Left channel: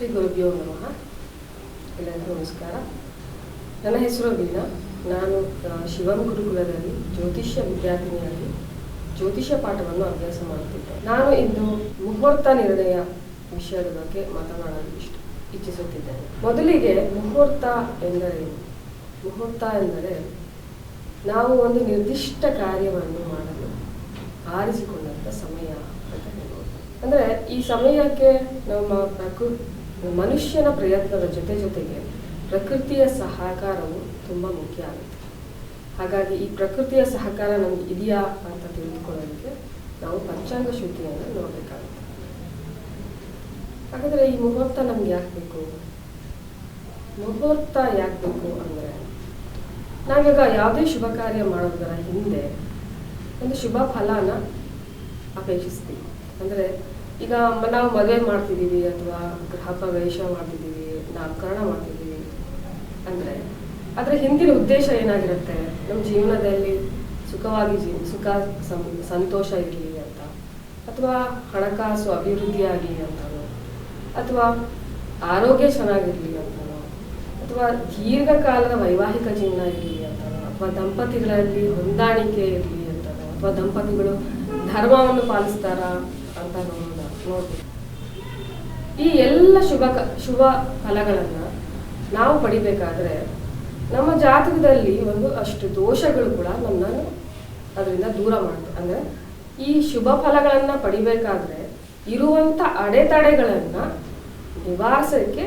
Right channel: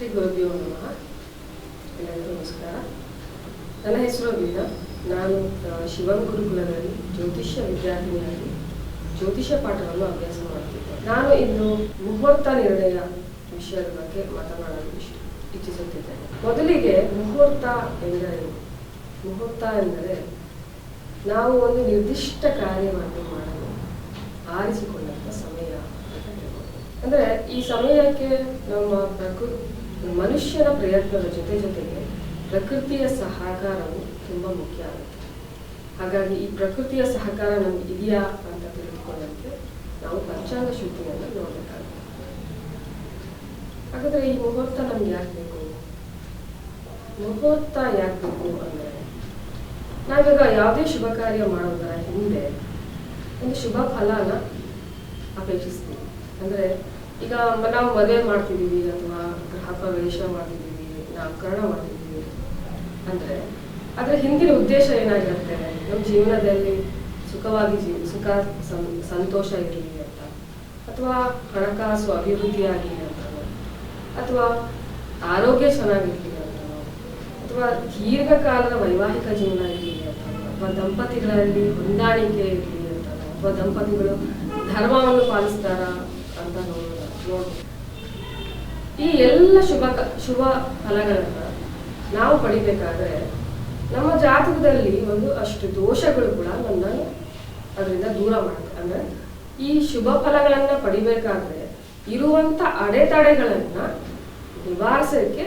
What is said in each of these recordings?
ಶ್ರೀ ಗುರುಭ್ಯೋ ನಮಃ. ಎಲ್ಲರಿಗೂ ನಮಸ್ಕಾರ. ನನ್ನ ಹೆಸರು ವೀಣಾ. ನಾನು ಶಿವಂ ಗುರುಕುಲದಲ್ಲಿ ಜ್ಯೋತಿಷ್ಯ ವಿದ್ಯಾರ್ಥಿನಿಯಾಗಿ ಜ್ಯೋತಿಷ್ಯ ಪಾಠವನ್ನು ಅಭ್ಯಾಸ ಮಾಡುತ್ತಿದ್ದೆ. ನಾನು ಇಂದು ಮುಹೂರ್ತ ನಿರ್ಣಯ ವಿಷಯದ ಬಗ್ಗೆ ಮಾತನಾಡಲು ಇಚ್ಛಿಸುತ್ತಿದ್ದೇನೆ. ಮೊದಲಿಗೆ ಮುಹೂರ್ತ ಎಂದರೇನು? ಮುಹೂರ್ತ ಎಂದರೆ ನಾವು ಒಂದು ನಿರ್ದಿಷ್ಟ ಕಾರ್ಯವನ್ನು ಮಾಡಲು ಆರಿಸಿಕೊಂಡಂಥ ಸಮಯ ಅಂತ ಹೇಳ್ಬೋದು. ಅಂದರೆ ಈ ಸಮಯಕ್ಕೆ ನಮ್ಮ ಮನುಷ್ಯನ ಪ್ರಯತ್ನದ ಜೊತೆಗೆ ಪ್ರಕೃತಿಯ ಸಹಕಾರವು ತುಂಬ ಮುಖ್ಯ ಆಗುತ್ತೆ. ಹಾಗಾಗಿ ಈ ಪ್ರಕೃತಿಯ ಸಹಕಾರ ನಮ್ಗೆ ಇದೆಯಾ ಅಂತ ತಿಳಿದುಕೊಳ್ಳೋದಕ್ಕೆ ನಾವು ಪಂಚಾಂಗ ಶುದ್ಧಿಯನ್ನು ನೋಡಬೇಕಾಗುತ್ತೆ. ಹಾಗಾದರೆ ಈ ಮುಹೂರ್ತ ನಮ್ಗೆ ಯಾಕೆ ಬೇಕು? ಮುಹೂರ್ತ ಯಾಕೆ ಬೇಕು ಅಂದರೆ, ನಾವೀಗ ಯಾವುದೇ ಶುಭ ಕಾರ್ಯ ಮಾಡೋದರ ಹಿಂದೆ ಒಂದು ಶುಭ ಫಲನ ಅಪೇಕ್ಷಿಸ್ತೀವಿ. ಅಂದರೆ ಈಗ ನಾವು ಮದುವೆ ಮಾಡ್ತಿದ್ದೀವಿ ಅಥವಾ ಗೃಹ ಪ್ರವೇಶ ಮಾಡ್ತಿದ್ದೀವಿ, ನಾಮಕರಣ ಮಾಡ್ತಿದ್ದೀವಿ ಅಂದರೆ ಅದರ ಹಿಂದಿನ ಉದ್ದೇಶ ಏನಾಗಿರುತ್ತೆ? ನಮ್ಮ ಜೀವನದಲ್ಲಿ ಸುಖವಾಗಿ ಸಂತೋಷ ಇರಲಿ ಅಂತ, ಅಥವಾ ಹಣಕಾಸು ಅಭಿವೃದ್ಧಿಯಾಗಿ ಅಂತನೋ, ಅಥವಾ ಆರೋಗ್ಯ ಚೆನ್ನಾಗಿರಲಿ ಅಂತನೋ, ಅಥವಾ ದೀರ್ಘಕಾಲದ ವೈವಾಹಿಕ ಜೀವನ ಇರಲಿ ಅಂತನೋ, ಅಥವಾ ದಂಪತಿಗಳಲ್ಲಿ ಹೊಂದಾಣಿಕೆ ಇರಲಿ ಅಂತನೋ, ಅಥವಾ ದಂಪತಿಗಳು ಧರ್ಮವನ್ನು ಪಾಲಿಸ್ತಾರ ಅಂತ ನೋಡ್ಬೋದು. ಈ ಎಲ್ಲ ಶುಭ ಫಲಗಳನ್ನು ನಾವು ಪಡಿಬೇಕಾದ್ರೆ ನಮ್ಮ ಜಾತಕದಲ್ಲಿ ಒಂದು ಅಷ್ಟು ದೋಷಗಳು ಕೂಡ ನಮ್ಮನ್ನು ಅದರಿಂದ ದೂರ ಮಾಡುತ್ತೆ. ಅಂದರೆ ಈ ಶುಭ ಫಲಗಳನ್ನು ಪಡಿಬೇಕಾದ್ರೆ ಇರುವಂಥ ಅಡೆತಡೆಗಳನ್ನು ನಿವಾರಿಸೋಕ್ಕೆ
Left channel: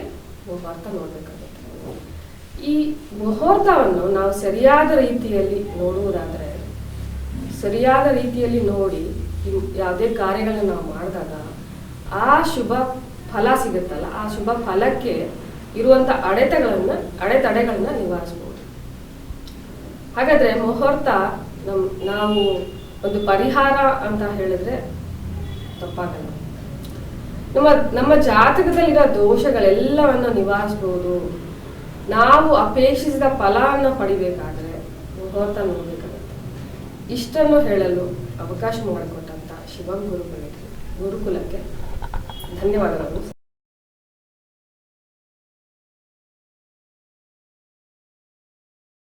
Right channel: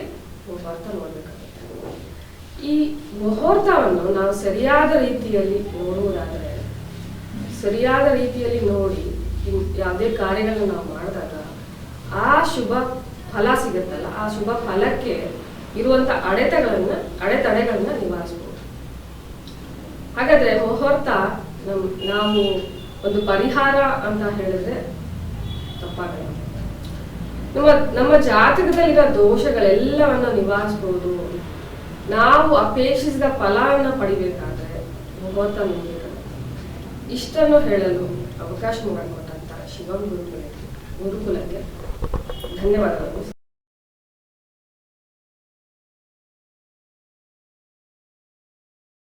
ಮುಹೂರ್ತ ನೋಡಬೇಕಾಗುತ್ತೆ. ಈ ಮುಹೂರ್ತವನ್ನು ನಾವು ಸರಿಯಾದ ರೀತಿಯಲ್ಲಿ ನೋಡುವುದಾದರೆ, ಸರಿಯಾದ ರೀತಿಯಲ್ಲಿ ನೋಡಿ ಯಾವುದೇ ಕಾರ್ಯಗಳನ್ನು ನಾವು ಮಾಡಿದಾಗ ಆ ಶುಭ ಫಲ ಸಿಗುತ್ತಲ್ಲ, ಆ ಶುಭ ಫಲಕ್ಕೆ ಇರುವಂಥ ಅಡೆತಡೆಗಳನ್ನ ನಿವಾರಿಸಬಹುದು. ಹಾಗಾದ್ರೆ ಮುಹೂರ್ತ ನಾವು ಒಂದು ಪರಿಹಾರ ಅಂತ ಹೇಳಿದ್ರೆ ತಪ್ಪಾಗಲ್ಲ. ನಮ್ಮ ಜಾತಕದಲ್ಲಿರೋ ದೋಷಗಳೆಲ್ಲವನ್ನ ನಿವಾರಿಸಬಹುದು. ನಾವು ಅಪೇಕ್ಷಿಸಿದ ಫಲವನ್ನು ಪಡಿಬೇಕಾದ್ರೆ ಮುಹೂರ್ತ ನೋಡಬೇಕಾಗುತ್ತೆ. ಇಷ್ಟನ್ನು ಹೇಳಲು ಅವಕಾಶ ಮಾಡಿಕೊಟ್ಟಂತ ಶಿವಂ ಗುರುಕುಲಕ್ಕೆ ಧನ್ಯವಾದಗಳನ್ನು.